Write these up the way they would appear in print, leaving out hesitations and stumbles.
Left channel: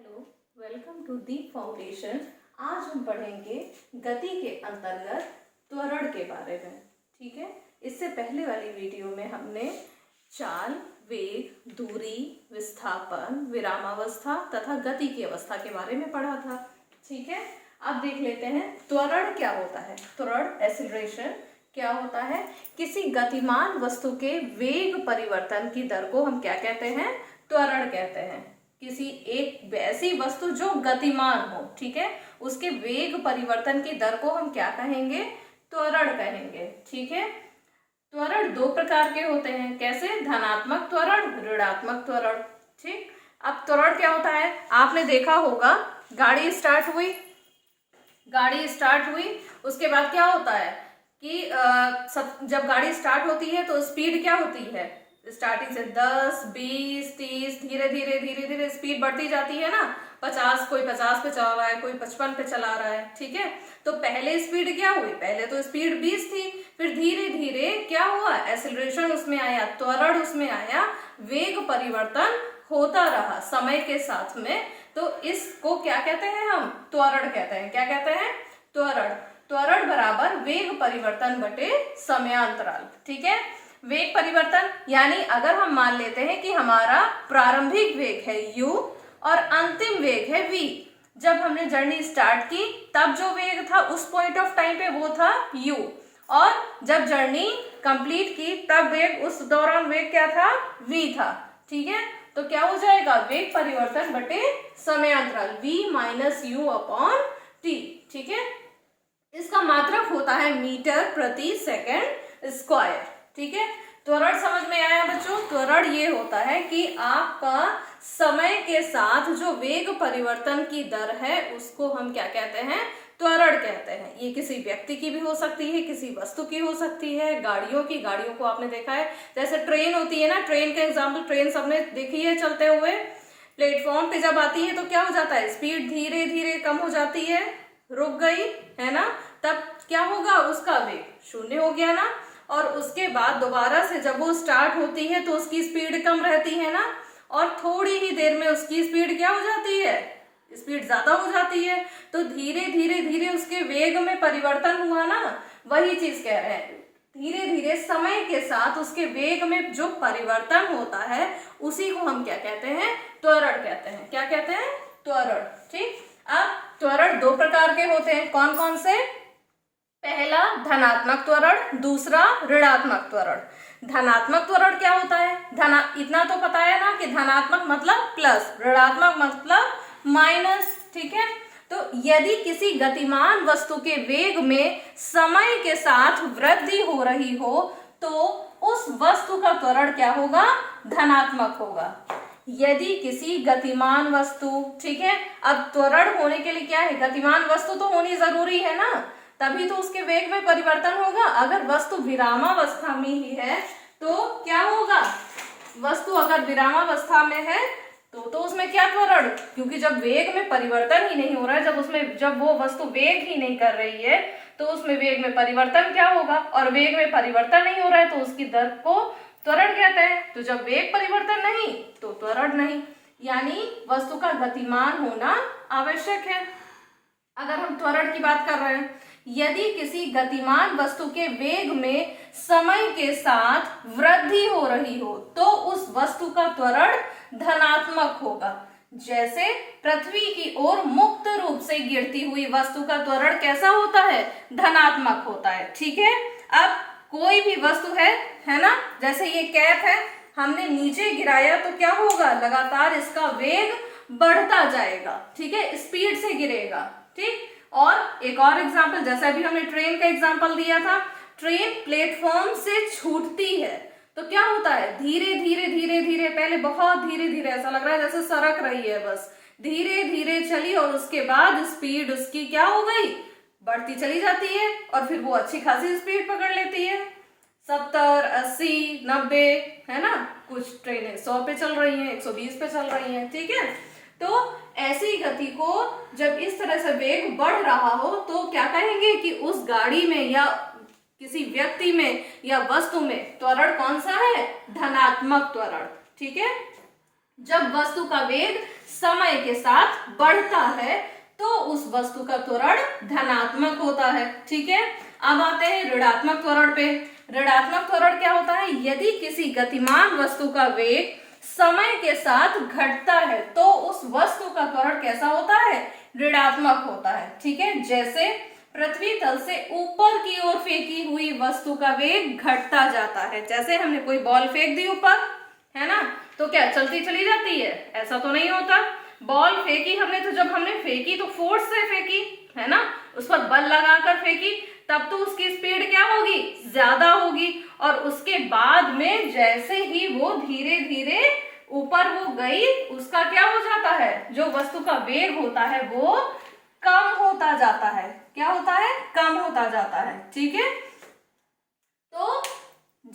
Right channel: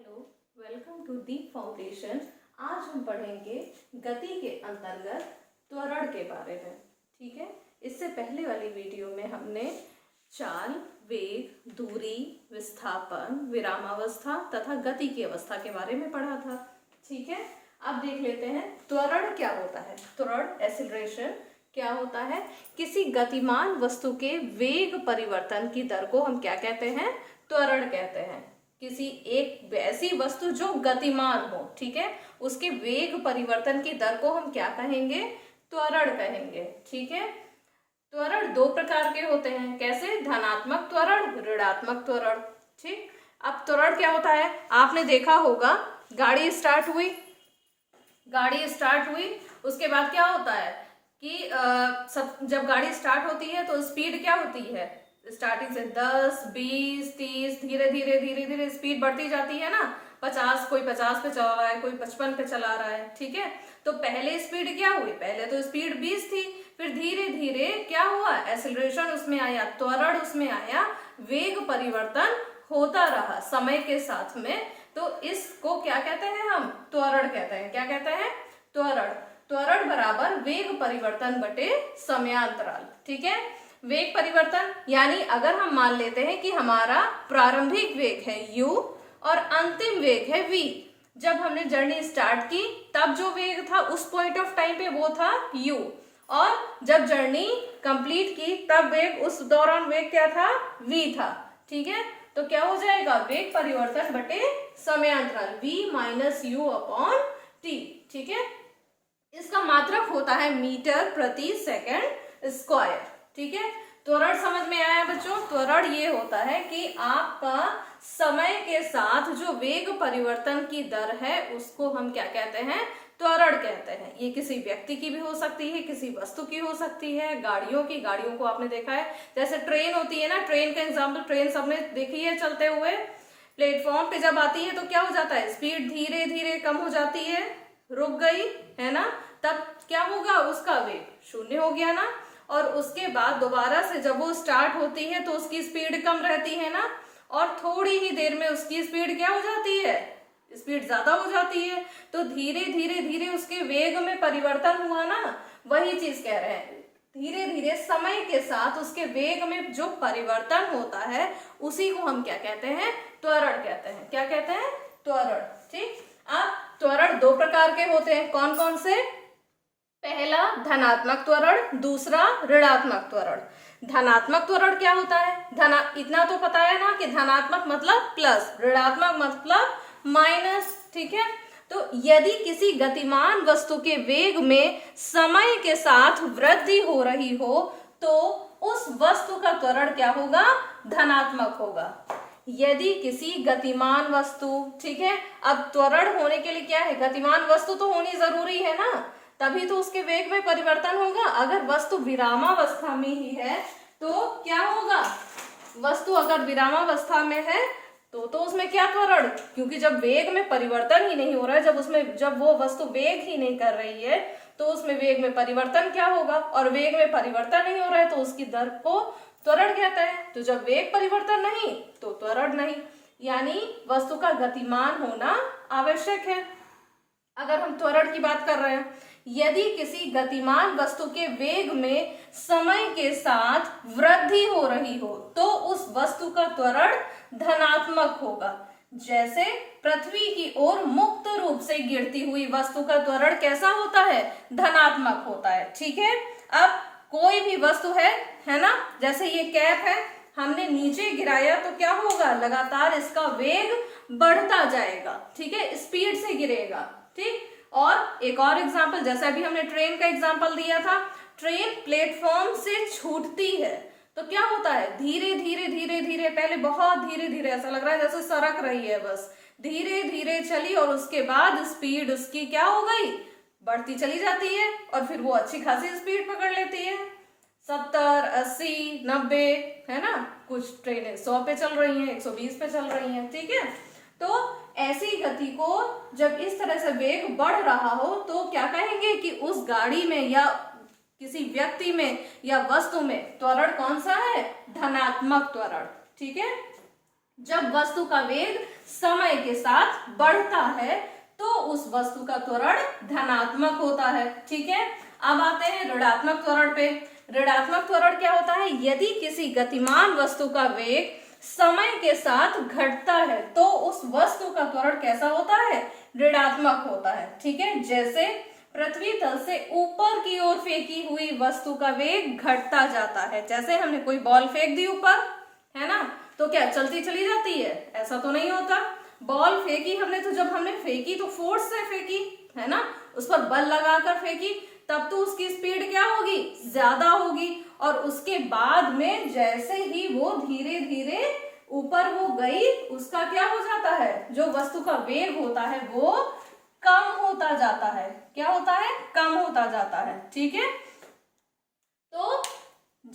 Hello, welcome to the foundation. आज हम पढ़ेंगे गति के अंतर्गत त्वरण के बारे में। ठीक है, इससे पहले वाली वीडियो में हमने चाल, वेग, दूरी, विस्थापन, विरामावस्था तथा गति की अवस्था के बारे में पढ़ा था। ठीक है, अब देख लेते हैं त्वरण क्या होता है। त्वरण एक्सीलरेशन क्या होता है? किसी गतिमान वस्तु के वेग परिवर्तन की दर को हम क्या कहते हैं? त्वरण कहते हैं। किसी एक ऐसी वस्तु जो गतिमान हो, ठीक है, उसके वेग परिवर्तन की दर को हम क्या कहेंगे? त्वरण कहेंगे। ठीक है, त्वरण दो प्रकार के होते हैं। कैसे? धनात्मक त्वरण, ऋणात्मक त्वरण। ठीक, अब त्वरण क्या होता है? आपने देखा होगा, गाड़ी स्टार्ट हुई, उसके बाद क्या होता है कि जब गाड़ी स्टार्ट होती है तो स्पीड क्या होती है? स्टार्टिंग से 10, 20, 30 धीरे धीरे स्पीड बढ़ती जाती है ना। 50, कोई 50 पे चला रहा है, कोई 55 पे चला रहा है। ठीक है, तो पहले स्पीड क्या हुई? पहले तो स्पीड 20 थी, फिर धीरे धीरे क्या हुआ? एक्सेलरेशन उसमें आया, त्वरण उसमें आया, वेग परिवर्तन होता रहा समय के साथ में। तो इसको क्या कहते हैं? हम त्वरण कहते हैं। क्या कहते हैं? त्वरण। त्वरण बराबर वेग परिवर्तन बटे समयांतराल। ठीक है, वेग परिवर्तन यानी अगर हम मान लेते हैं कि हमारा प्रारंभिक वेग है u और अंतिम वेग है v। जब हमने जर्नी स्टार्ट की तब जो वेग था उस पॉइंट ऑफ टाइम पे वो था u, और जब जर्नी कंप्लीट की तब वेग, उस दौरान वेग क्या था? v था। ठीक है, तो क्या हो जाएगा? वेग परिवर्तन बटे समयांतराल v minus you upon t। ठीक है, इसका मात्रक होता है मीटर प्रति सेकंड स्क्वायर। ठीक है, त्वरण समझ में आया बच्चों? त्वरण ये होता है कि आपका समय के साथ जो वेग परिवर्तन की दर है उसको हम क्या कहते हैं? त्वरण कहते हैं। ये किसी व्यक्ति की भी हो सकती है, किसी वस्तु की हो सकती है, गाड़ियों को आपने देखा है, जैसे ट्रेन होती है ना। ट्रेन का एग्जाम्पल, ट्रेन सबने देखी है चलते हुए। प्लेटफॉर्म पे जब आती है तो क्या हो जाता है? स्पीड धीरे धीरे कम हो जाती है, रुक गई है ना, तब क्या होगा? उसका वेग शून्य हो गया ना। और उसके बाद दोबारा से जब वो स्टार्ट होती है तो उसकी स्पीड कम रहती है ना, और थोड़ी ही देर में उसकी स्पीड क्या हो जाती है? स्पीड ज्यादा हो जाती है। तो धीरे धीरे उसके वेग में परिवर्तन हुआ ना, वही चीज कह रहे हैं। धीरे धीरे समय के साथ उसके वेग में जो परिवर्तन होता है उसी को हम क्या कहते हैं? त्वरण कहते हैं। क्या कहते हैं? त्वरण। ठीक, अब त्वरण दो प्रकार के होते हैं। कौन कौन से? पहला धनात्मक त्वरण, दूसरा ऋणात्मक त्वरण। धनात्मक त्वरण क्या होता है? इतना तो पता है ना कि धनात्मक मतलब प्लस, ऋणात्मक मतलब माइनस। ठीक है, तो यदि किसी गतिमान वस्तु के वेग में समय के साथ वृद्धि हो रही हो तो उस वस्तु का त्वरण क्या होगा? धनात्मक होगा। यदि किसी गतिमान वस्तु, ठीक है, अब त्वरण होने के लिए क्या है? गतिमान वस्तु तो होनी जरूरी है ना, तभी तो उसके वेग में परिवर्तन होगा। अगर वस्तु विरामावस्था में ही है तो क्या होगा? वस्तु अगर विरामावस्था में है तो उसमें क्या त्वरण? क्योंकि जब वेग में परिवर्तन ही नहीं हो रहा है, जब वो वस्तु वेग ही नहीं कर रही है तो उसमें वेग में परिवर्तन क्या होगा? और वेग में परिवर्तन नहीं हो रहा है तो उसकी दर को त्वरण कहते हैं। तो जब वेग परिवर्तन नहीं तो त्वरण नहीं, यानी वस्तु का गतिमान होना आवश्यक है। अगर हम त्वरण की बात कर रहे हैं, यदि किसी गतिमान वस्तु के वेग में समय के साथ वृद्धि हो रही हो तो उस वस्तु का त्वरण धनात्मक होगा। जैसे पृथ्वी की ओर मुक्त रूप से गिरती हुई वस्तु का त्वरण कैसा होता है? धनात्मक होता है। ठीक है, अब कोई भी वस्तु है ना, जैसे ये कैप है, हमने नीचे गिराया तो क्या होगा? लगातार इसका वेग बढ़ता जाएगा। ठीक है, स्पीड से गिरेगा। ठीक, और एक और एग्जांपल, जैसे अभी हमने ट्रेन का एग्जांपल दिया था, ट्रेन प्लेटफॉर्म से छूटती है तो क्या होता है? धीरे धीरे पहले बहुत धीरे धीरे, ऐसा लग रहा है जैसे सरक रही है, बस धीरे धीरे चली और उसके बाद स्पीड उसकी क्या हो गई? बढ़ती चली जाती है, और फिर वो अच्छी खासी स्पीड पकड़ लेती है, 70, 80, 90, है ना। कुछ ट्रेनें 100 पे चल रही हैं, 120 पे चल रही हैं। ठीक है, तो ऐसी गति को जब इस तरह से वेग बढ़ रहा हो तो क्या कहेंगे कि उस गाड़ी में या किसी व्यक्ति में या वस्तु में त्वरण कौन सा है? धनात्मक त्वरण। ठीक है, जब वस्तु का वेग समय के साथ बढ़ता है तो उस वस्तु का त्वरण धनात्मक होता है। ठीक है, अब आते हैं ऋणात्मक त्वरण पे। ऋणात्मक त्वरण क्या होता है? यदि किसी गतिमान वस्तु का वेग समय के साथ घटता है तो उस वस्तु का त्वरण कैसा होता है? ऋणात्मक होता है। ठीक है, जैसे पृथ्वी तल से ऊपर की ओर फेंकी हुई वस्तु का वेग घटता जाता है। जैसे हमने कोई बॉल फेंक दी ऊपर, है ना, तो क्या चलती चली जाती है? ऐसा तो नहीं होता। बॉल फेंकी हमने, तो जब हमने फेंकी तो फोर्स से फेंकी, है ना, उस पर बल लगाकर फेंकी, तब तो उसकी स्पीड क्या होगी? ज्यादा होगी। और उसके बाद में जैसे ही वो धीरे धीरे ऊपर वो गई, उसका क्या हो जाता है? जो वस्तु का वेग होता है वो कम होता जाता है। क्या होता है? कम होता जाता है। ठीक है, तो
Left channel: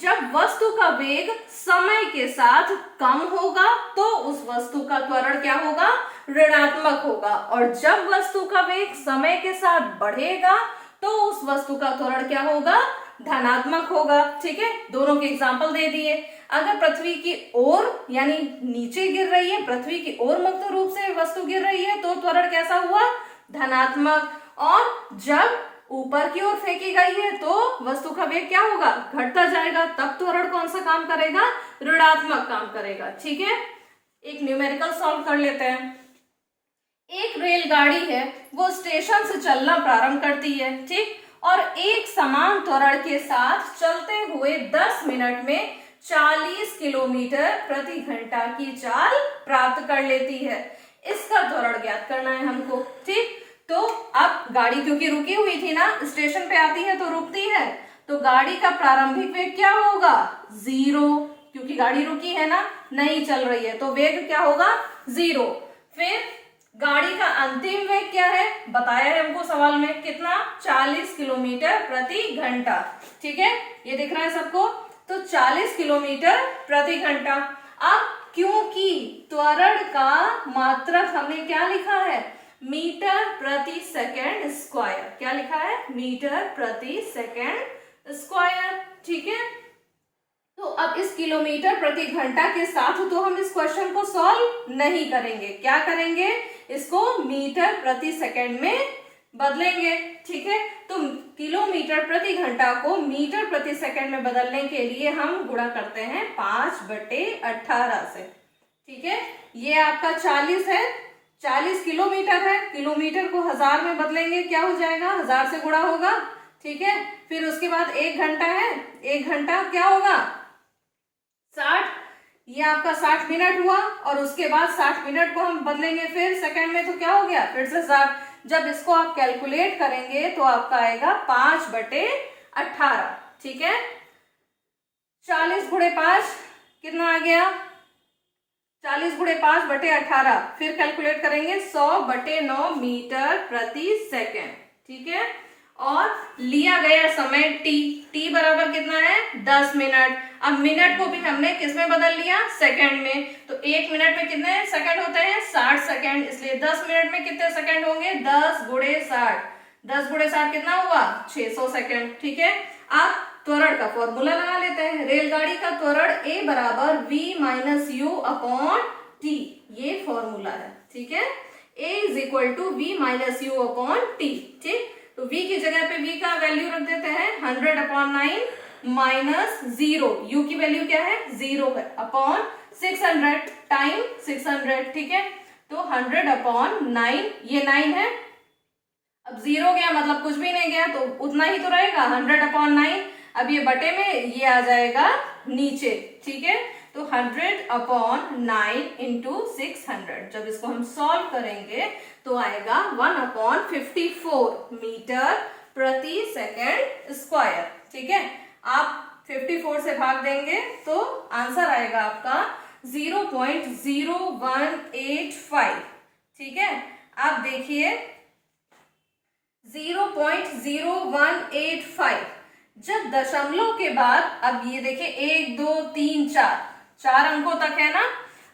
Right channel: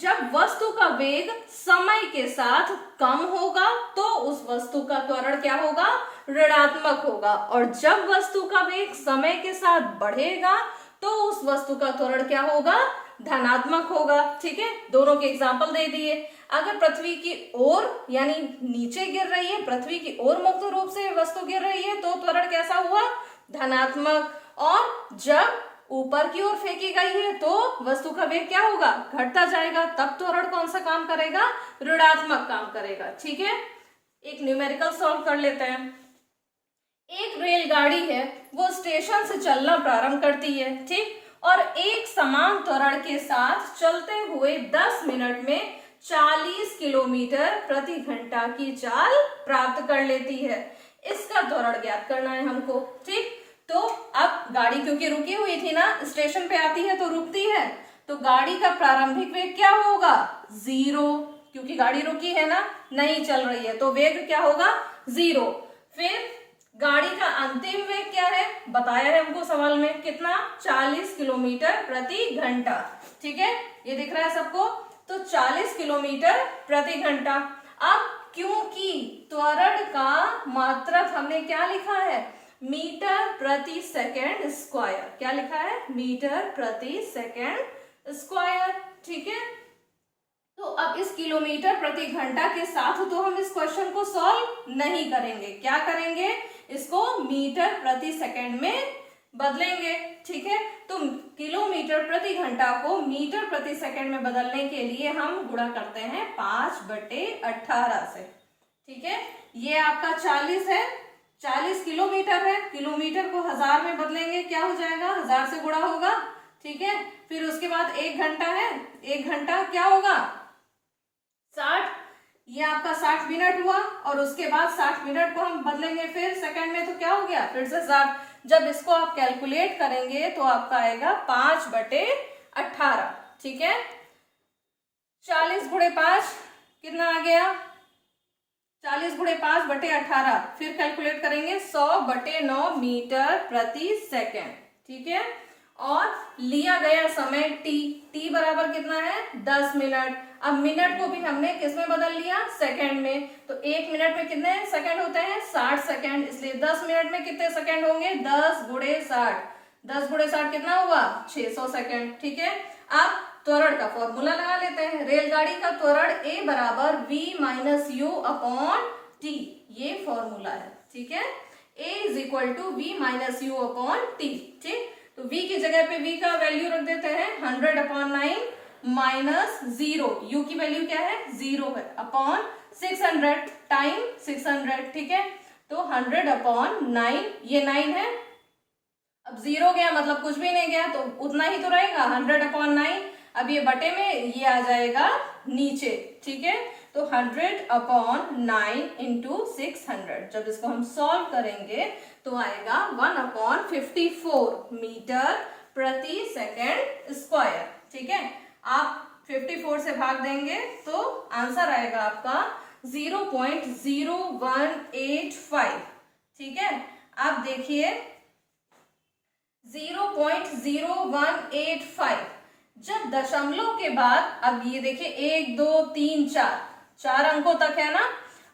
जब वस्तु का वेग समय के साथ कम होगा तो उस वस्तु का त्वरण क्या होगा? ऋणात्मक होगा। और जब वस्तु का वेग समय के साथ बढ़ेगा तो उस वस्तु का त्वरण क्या होगा? धनात्मक होगा। ठीक है, दोनों के एग्जाम्पल दे दिए। अगर पृथ्वी की ओर यानी नीचे गिर रही है, पृथ्वी की ओर मुक्त रूप से वस्तु गिर रही है तो त्वरण कैसा हुआ? धनात्मक। और जब ऊपर की ओर फेंकी गई है तो वस्तु का वेग क्या होगा? घटता जाएगा, तब त्वरण कौन सा काम करेगा? ऋणात्मक काम करेगा। ठीक है, एक न्यूमेरिकल सॉल्व कर लेते हैं। एक रेलगाड़ी है, वो स्टेशन से चलना प्रारंभ करती है, ठीक, और एक समान त्वरण के साथ चलते हुए 10 मिनट में 40 किलोमीटर प्रति घंटा की चाल प्राप्त कर लेती है। इसका त्वरण ज्ञात करना है हमको। ठीक, तो अब गाड़ी क्योंकि रुकी हुई थी ना, स्टेशन पे आती है तो रुकती है, तो गाड़ी का प्रारंभिक वेग क्या होगा? 0, क्योंकि गाड़ी रुकी है ना, नहीं चल रही है, तो वेग क्या होगा? 0। फिर गाड़ी का अंतिम वेग क्या है? बताया है हमको सवाल में, कितना? 40 किलोमीटर प्रति घंटा। ठीक है, ये दिख रहा है सबको? तो 40 किलोमीटर प्रति घंटा। अब क्योंकि त्वरण का मात्रक हमने क्या लिखा है? मीटर प्रति सेकेंड स्क्वायर। क्या लिखा है? मीटर प्रति सेकेंड स्क्वायर। ठीक है, तो अब इस किलोमीटर प्रति घंटा के साथ तो हम इस क्वेश्चन को सॉल्व नहीं करेंगे। क्या करेंगे? इसको मीटर प्रति सेकेंड में बदलेंगे। ठीक है, तो किलोमीटर प्रति घंटा को मीटर प्रति सेकेंड में बदलने के लिए हम गुणा करते हैं 5/18 से। ठीक है, ये आपका 40 है, 40 किलोमीटर है, किलोमीटर को 1000 में बदलेंगे, क्या हो जाएगा? 1000 से गुणा होगा। ठीक है, फिर उसके बाद 1 घंटा है, 1 घंटा क्या होगा? 60, ये आपका 60 मिनट हुआ, और उसके बाद 60 मिनट को हम बदलेंगे फिर सेकंड में, तो क्या हो गया? फिर से 60। जब इसको आप कैलकुलेट करेंगे तो आपका आएगा 5/18। ठीक है, 40 गुणे 5 कितना आ गया? 40 गुणे 5/18। फिर कैलकुलेट करेंगे 100/9 मीटर प्रति सेकेंड। ठीक है, और लिया गया समय t बराबर कितना है? 10 मिनट। अब मिनट को भी हमने किस में बदल लिया? सेकंड में। तो 1 मिनट में कितने सेकंड होते हैं? 60 सेकंड। इसलिए 10 मिनट में कितने सेकंड होंगे? 10 गुणे 60। 10 गुणे 60 कितना हुआ? 600 सेकंड। ठीक है, अब त्वरण का फॉर्मूला लगा लेते हैं। रेलगाड़ी का त्वरण a बराबर v - u अपॉन t, ये फॉर्मूला है। ठीक है, a = v - u upon t। ठीक, तो v की जगह पे v का वैल्यू रख देते हैं 100/9 -0, u की वैल्यू क्या है? 0 है, अपॉन 600 टाइम 600। ठीक है, तो 100/9, ये 9 है, अब 0 गया मतलब कुछ भी नहीं गया, तो उतना ही तो रहेगा 100/9। अब ये बटे में ये आ जाएगा नीचे। ठीक है, तो 100/9 × 600, जब इसको हम सॉल्व करेंगे तो आएगा 1/54 मीटर प्रति सेकेंड स्क्वायर। ठीक है, आप 54 से भाग देंगे तो आंसर आएगा आपका 0.0185। ठीक है, आप देखिए 0.0185। जब दशमलव के बाद, अब ये देखिए 1 2 3 4 अंकों तक है ना,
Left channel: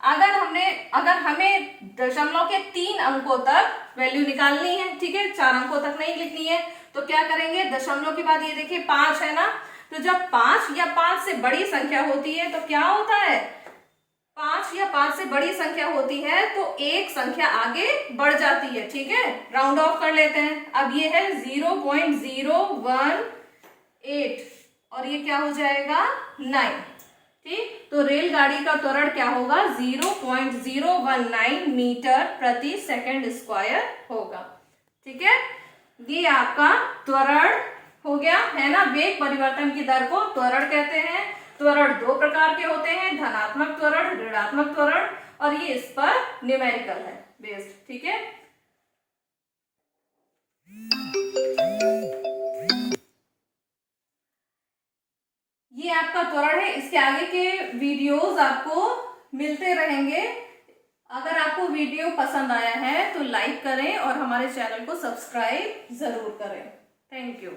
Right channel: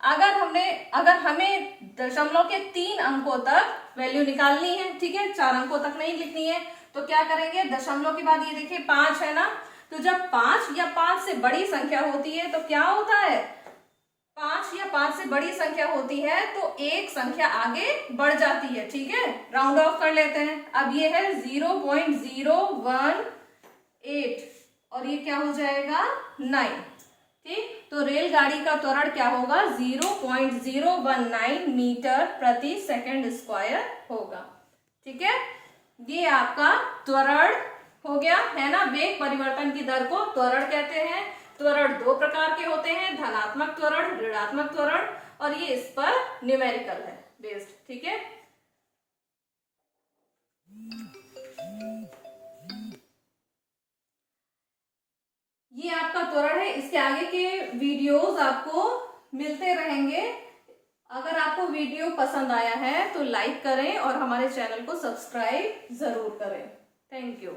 अगर हमें दशमलव के 3 अंकों तक वैल्यू निकालनी है, ठीक है, 4 अंकों तक नहीं लिखनी है, तो क्या करेंगे? दशमलव के बाद ये देखिए 5 है ना, तो जब 5 या 5 से बड़ी संख्या होती है तो क्या होता है? 5 या 5 से बड़ी संख्या होती है तो एक संख्या आगे बढ़ जाती है, ठीक है। राउंड ऑफ कर लेते हैं। अब ये है 0.018 और ये क्या हो जाएगा 9, ठीक। तो रेलगाड़ी का त्वरण क्या होगा 0.019 मीटर प्रति सेकंड स्क्वायर होगा, ठीक है। ये आपका त्वरण हो गया है ना। वेग परिवर्तन की दर को त्वरण कहते हैं। त्वरण दो प्रकार के होते हैं, धनात्मक त्वरण, ऋणात्मक त्वरण, और ये इस पर न्यूमेरिकल है बेस्ड, ठीक है। ये आपका त्वरण है। इसके आगे के वीडियोस आपको मिलते रहेंगे। अगर आपको वीडियो पसंद आया है तो लाइक करें और हमारे चैनल को सब्सक्राइब जरूर करें। Thank you.